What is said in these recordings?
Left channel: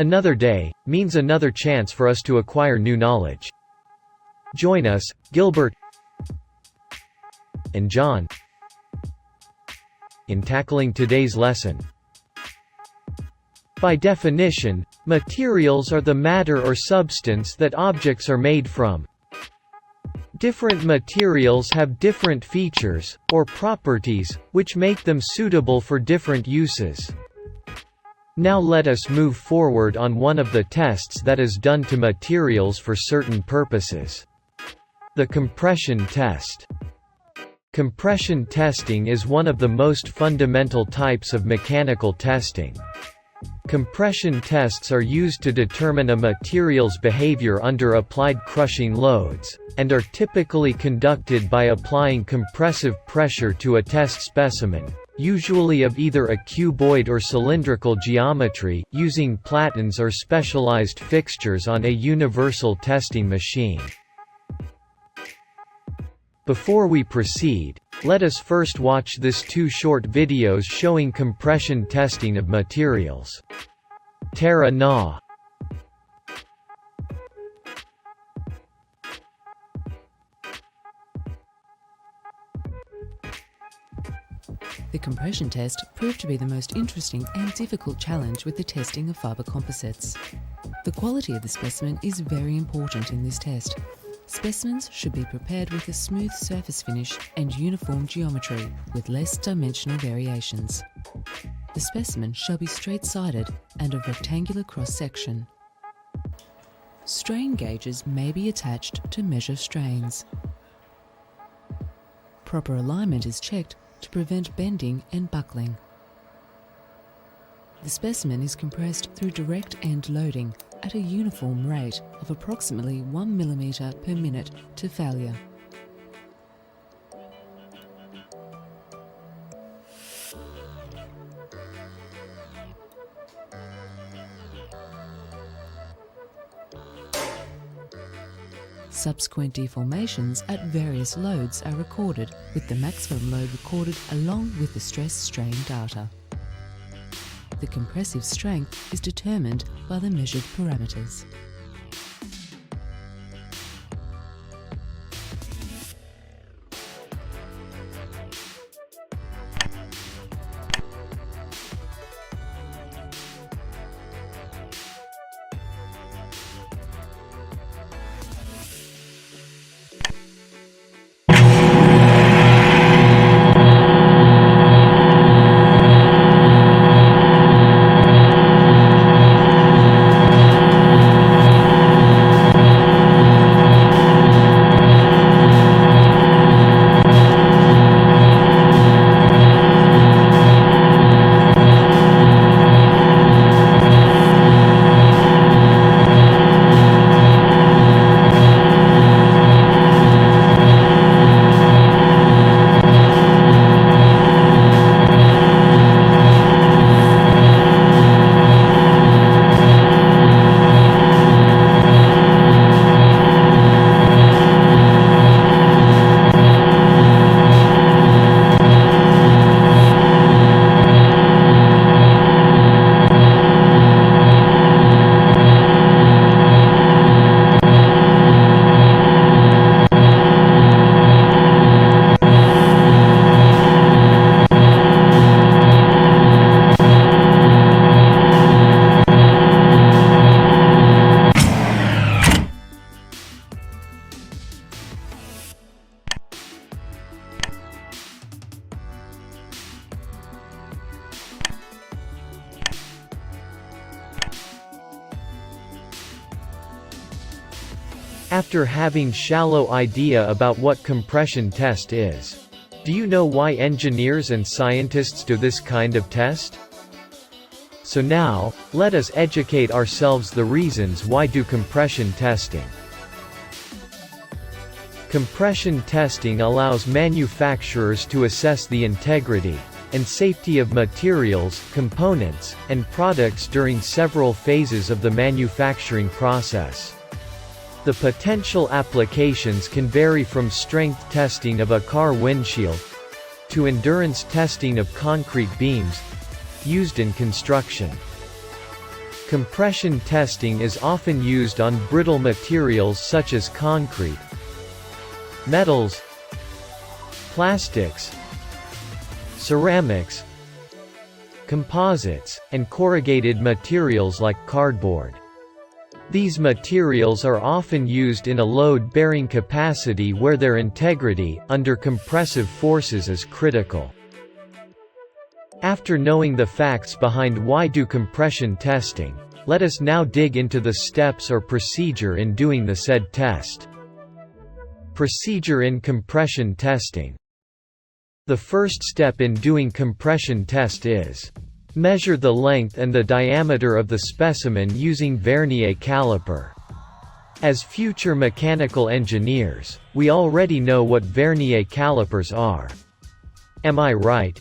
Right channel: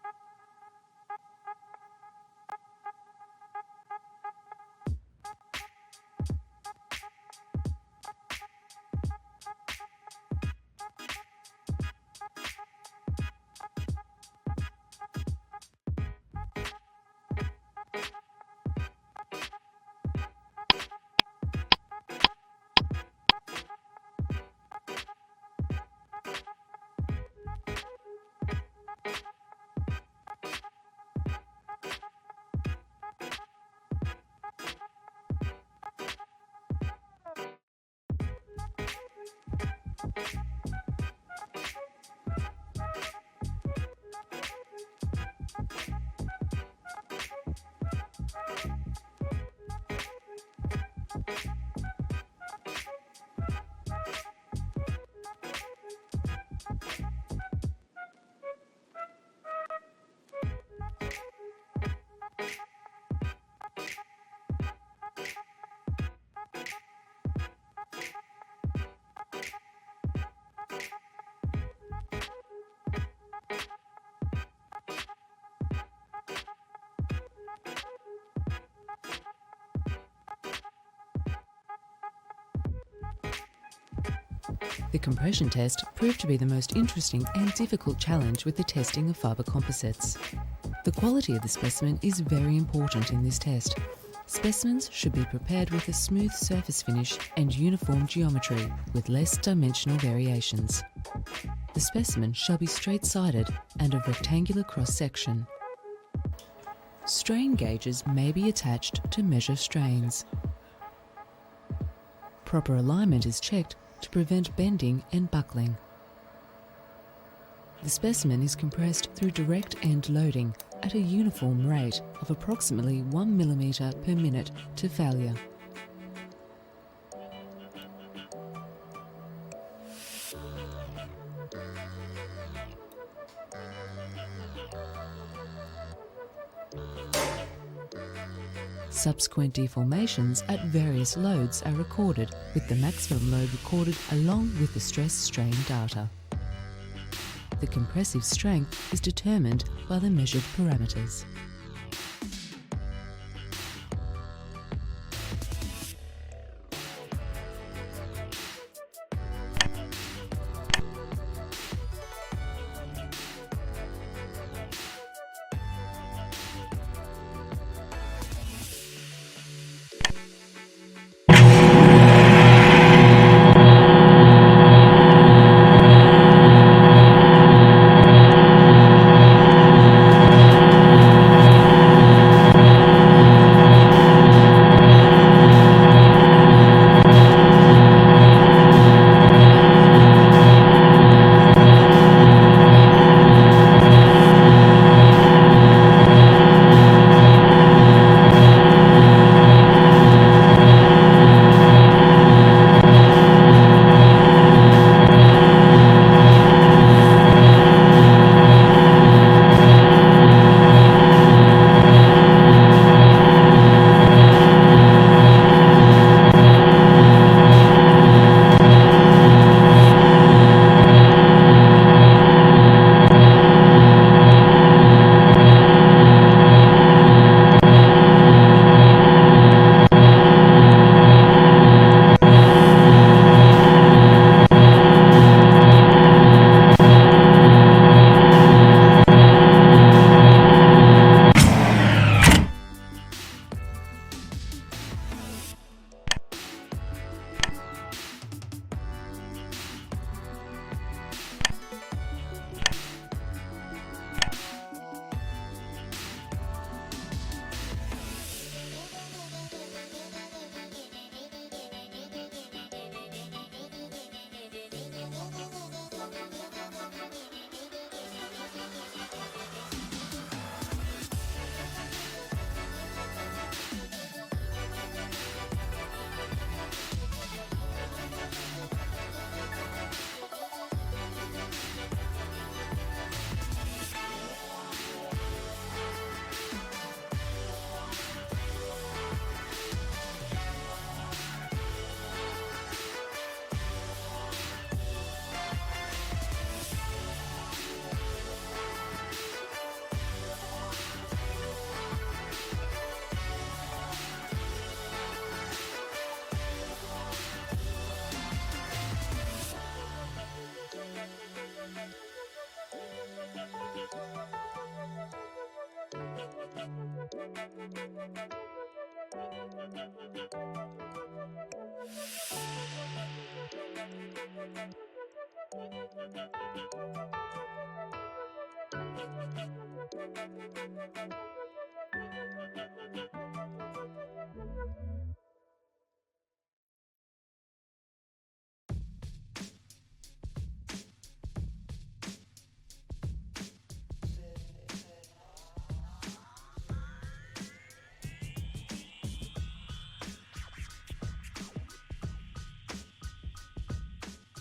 Another day means another chance for us to acquire new knowledge. Join us, Gilbert and John, in tackling today's lesson. By definition, materials are the matter or substance that objects are made from. Different materials have different features, or properties, which make them suitable for different uses. Now let us move forward on one of the tests that is done to materials for certain purposes. The compression test. Compression testing is one of the most fundamental types of mechanical testing. Compression tests are used to determine a material's behavior under applied crushing loads, and are typically conducted by applying compressive pressure to a test specimen, usually of either a cuboid or cylindrical geometry, using platens or specialized fixtures on a universal testing machine. Before we proceed, let us first watch this two short videos showing compression testing of materials. Tara Na. The compression test proved to be the most interesting and difficult challenge with the testing of fibre composites. The quality of the specimen is very important in this test. Specimens should be prepared with a smooth surface finish and uniform geometry, with less dimensional variations. The specimen shall be straight-sided and of rectangular cross-section. Strain gauges may be attached to measure strains. Proper alignment is checked to prevent bending and buckling. The specimen is compressed through direct end loading at a uniform rate of approximately 1 mm per minute to failure. Subsequent deformations at various loads are recorded, with the maximum load recorded along with the stress-strain data. The compressive strength is determined by the measured parameters. After having shallow idea about what compression test is, do you know why engineers and scientists do this kind of test? So now, let us educate ourselves the reasons why do compression testing. Compression testing allows manufacturers to assess the integrity and safety of materials, components, and products during several phases of the manufacturing process. The potential applications can vary from strength testing of a car windshield to endurance testing of concrete beams used in construction. Compression testing is often used on brittle materials such as concrete, metals, plastics, ceramics, composites, and corrugated materials like cardboard. These materials are often used in a load-bearing capacity where their integrity, under compressive forces, is critical. After knowing the facts behind why do compression testing, let us now dig into the steps or procedure in doing the said test. Procedure in compression testing. The first step in doing compression test is measure the length and the diameter of the specimen using vernier caliper. As future mechanical engineers, we already know what vernier calipers are. Am I right?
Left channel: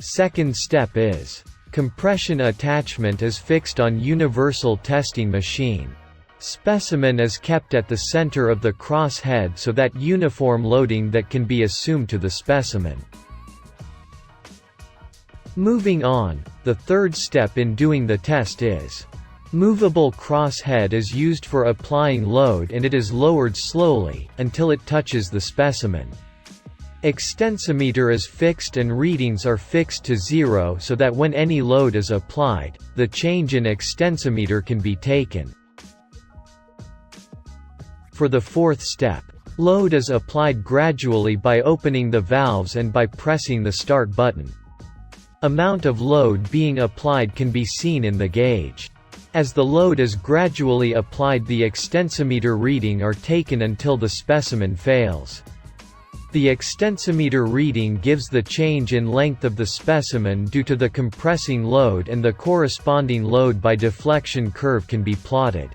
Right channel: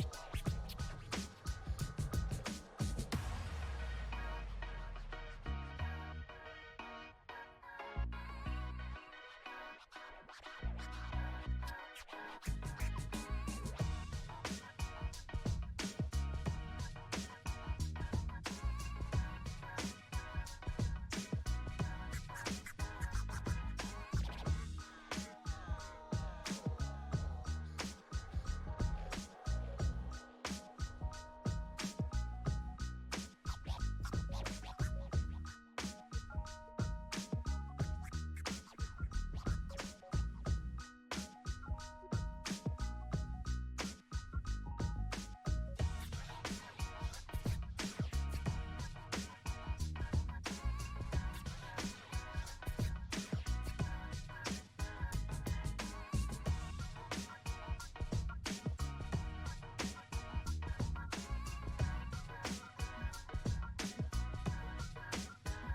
Second step is compression attachment is fixed on universal testing machine. Specimen is kept at the center of the cross head so that uniform loading that can be assumed to the specimen. Moving on, the third step in doing the test is movable cross head is used for applying load, and it is lowered slowly until it touches the specimen. Extensometer is fixed and readings are fixed to 0 so that when any load is applied, the change in extensometer can be taken. For the fourth step, load is applied gradually by opening the valves and by pressing the start button. Amount of load being applied can be seen in the gauge. As the load is gradually applied, the extensometer reading are taken until the specimen fails. The extensometer reading gives the change in length of the specimen due to the compressing load, and the corresponding load by deflection curve can be plotted.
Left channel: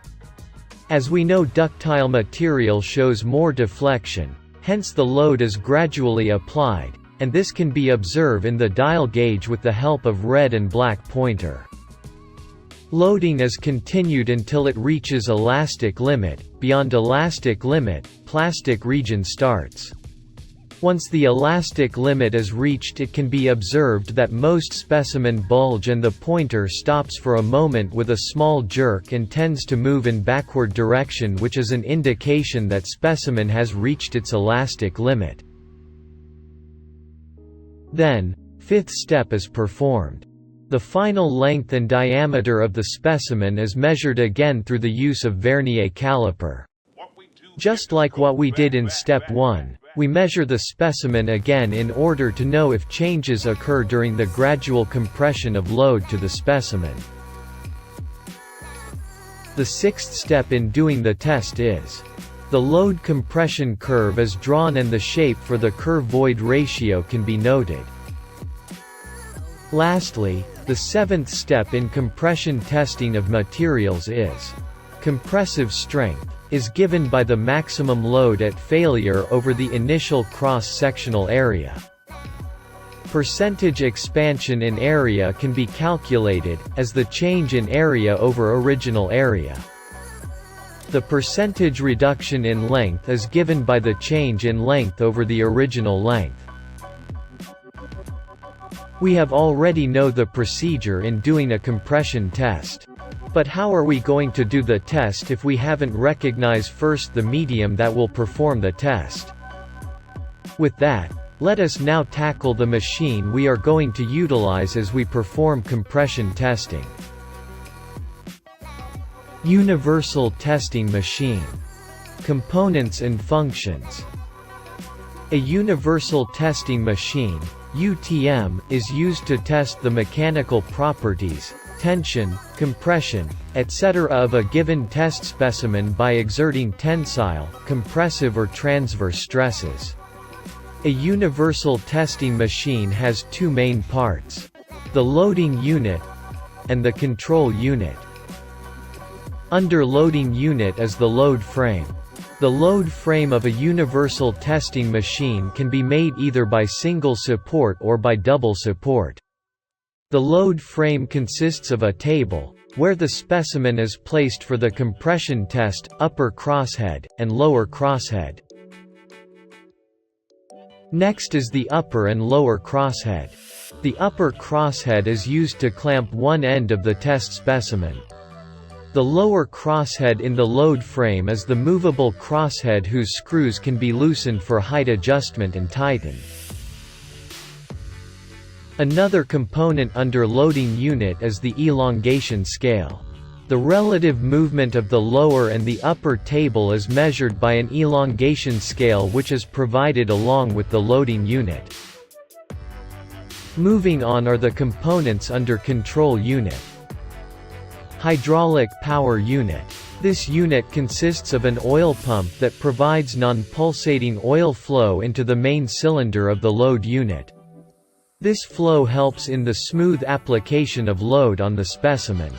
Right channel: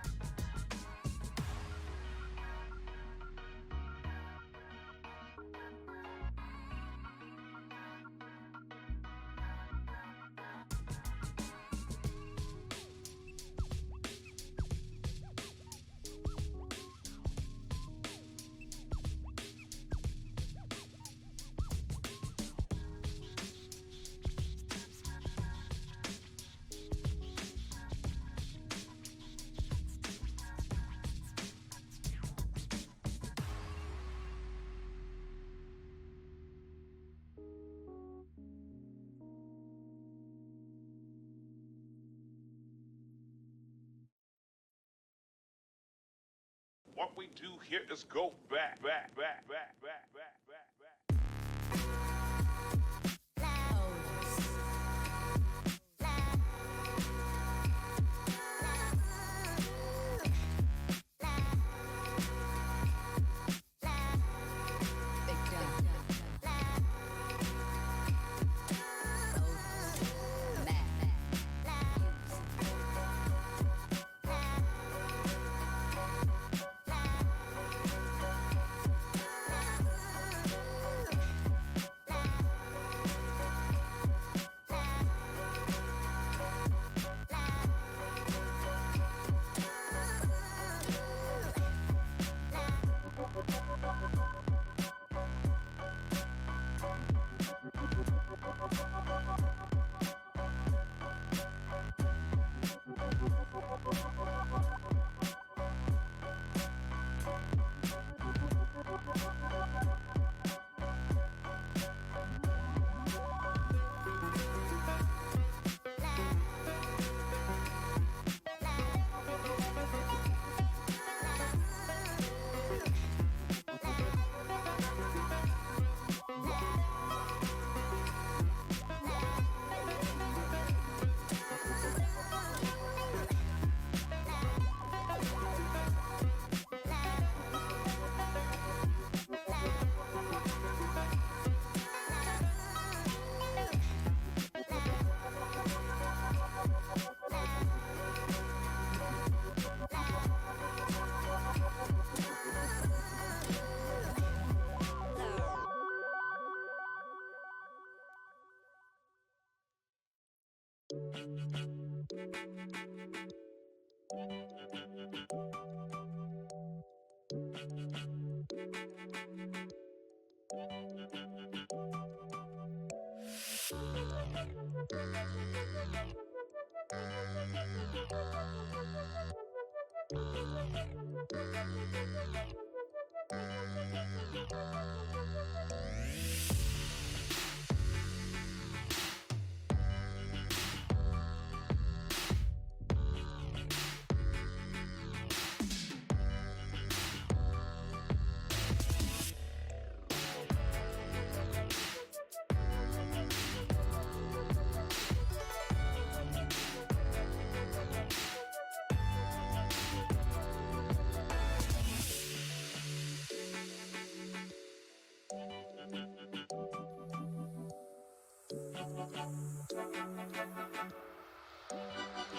As we know, ductile material shows more deflection, hence the load is gradually applied, and this can be observed in the dial gauge with the help of red and black pointer. Loading is continued until it reaches elastic limit. Beyond elastic limit, plastic region starts. Once the elastic limit is reached, it can be observed that most specimen bulge and the pointer stops for a moment with a small jerk and tends to move in backward direction, which is an indication that specimen has reached its elastic limit. Then, fifth step is performed. The final length and diameter of the specimen is measured again through the use of vernier caliper. Just like what we did in step 1, we measure the specimen again in order to know if changes occur during the gradual compression of load to the specimen. The sixth step in doing the test is the load compression curve is drawn and the shape for the curve-void ratio can be noted. Lastly, the seventh step in compression testing of materials is compressive strength is given by the maximum load at failure over the initial cross-sectional area. Percentage expansion in area can be calculated as the change in area over original area. The percentage reduction in length is given by the change in length over the original length. We have already know the procedure in doing a compression test. But how are we going to do the test if we haven't recognized first the medium that will perform the test? With that, let us now tackle the machine we are going to utilize as we perform compression testing. Universal Testing Machine. Components and functions. A universal testing machine, UTM, is used to test the mechanical properties, tension, compression, etc. of a given test specimen by exerting tensile, compressive or transverse stresses. A universal testing machine has two main parts: the loading unit and the control unit. Under loading unit is the load frame. The load frame of a universal testing machine can be made either by single support or by double support. The load frame consists of a table, where the specimen is placed for the compression test, upper crosshead, and lower crosshead. Next is the upper and lower crosshead. The upper crosshead is used to clamp one end of the test specimen. The lower crosshead in the load frame is the movable crosshead whose screws can be loosened for height adjustment and tightened. Another component under loading unit is the elongation scale. The relative movement of the lower and the upper table is measured by an elongation scale which is provided along with the loading unit. Moving on are the components under control unit. Hydraulic power unit. This unit consists of an oil pump that provides non-pulsating oil flow into the main cylinder of the load unit. This flow helps in the smooth application of load on the specimen.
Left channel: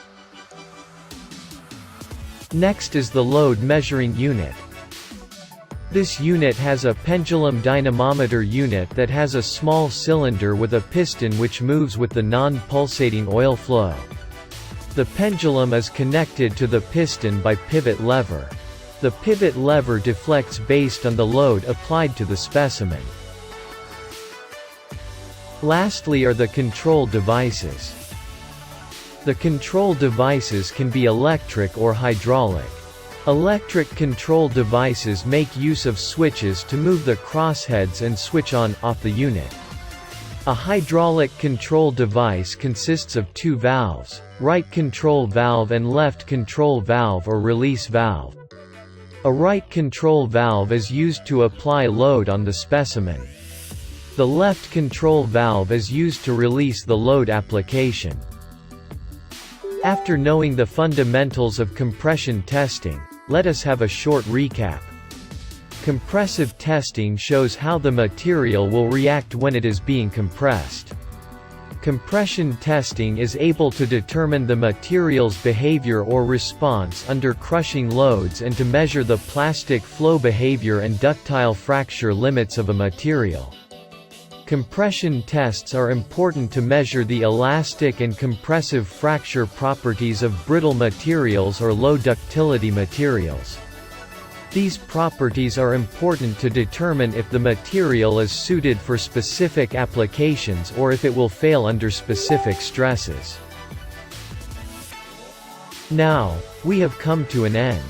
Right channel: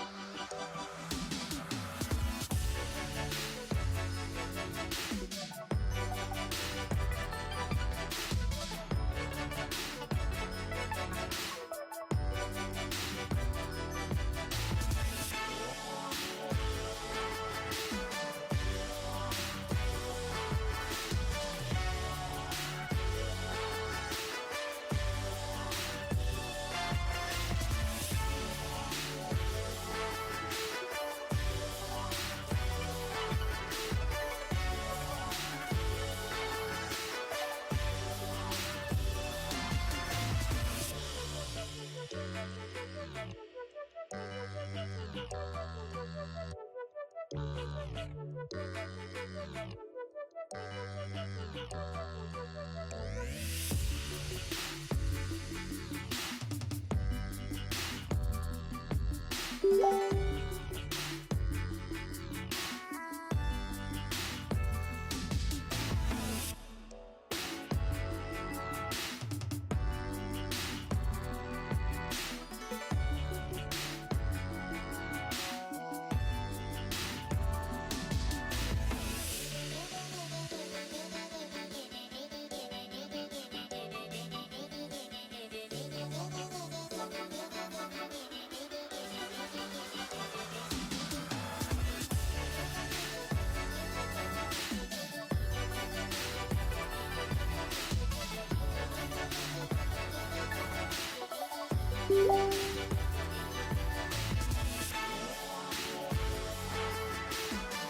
Next is the load measuring unit. This unit has a pendulum dynamometer unit that has a small cylinder with a piston which moves with the non-pulsating oil flow. The pendulum is connected to the piston by pivot lever. The pivot lever deflects based on the load applied to the specimen. Lastly are the control devices. The control devices can be electric or hydraulic. Electric control devices make use of switches to move the crossheads and switch on/off the unit. A hydraulic control device consists of two valves, right control valve and left control valve or release valve. A right control valve is used to apply load on the specimen. The left control valve is used to release the load application. After knowing the fundamentals of compression testing, let us have a short recap. Compressive testing shows how the material will react when it is being compressed. Compression testing is able to determine the material's behavior or response under crushing loads and to measure the plastic flow behavior and ductile fracture limits of a material. Compression tests are important to measure the elastic and compressive fracture properties of brittle materials or low ductility materials. These properties are important to determine if the material is suited for specific applications or if it will fail under specific stresses. Now, we have come to an end.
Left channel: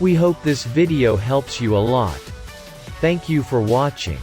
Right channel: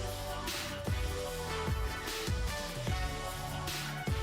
We hope this video helps you a lot. Thank you for watching.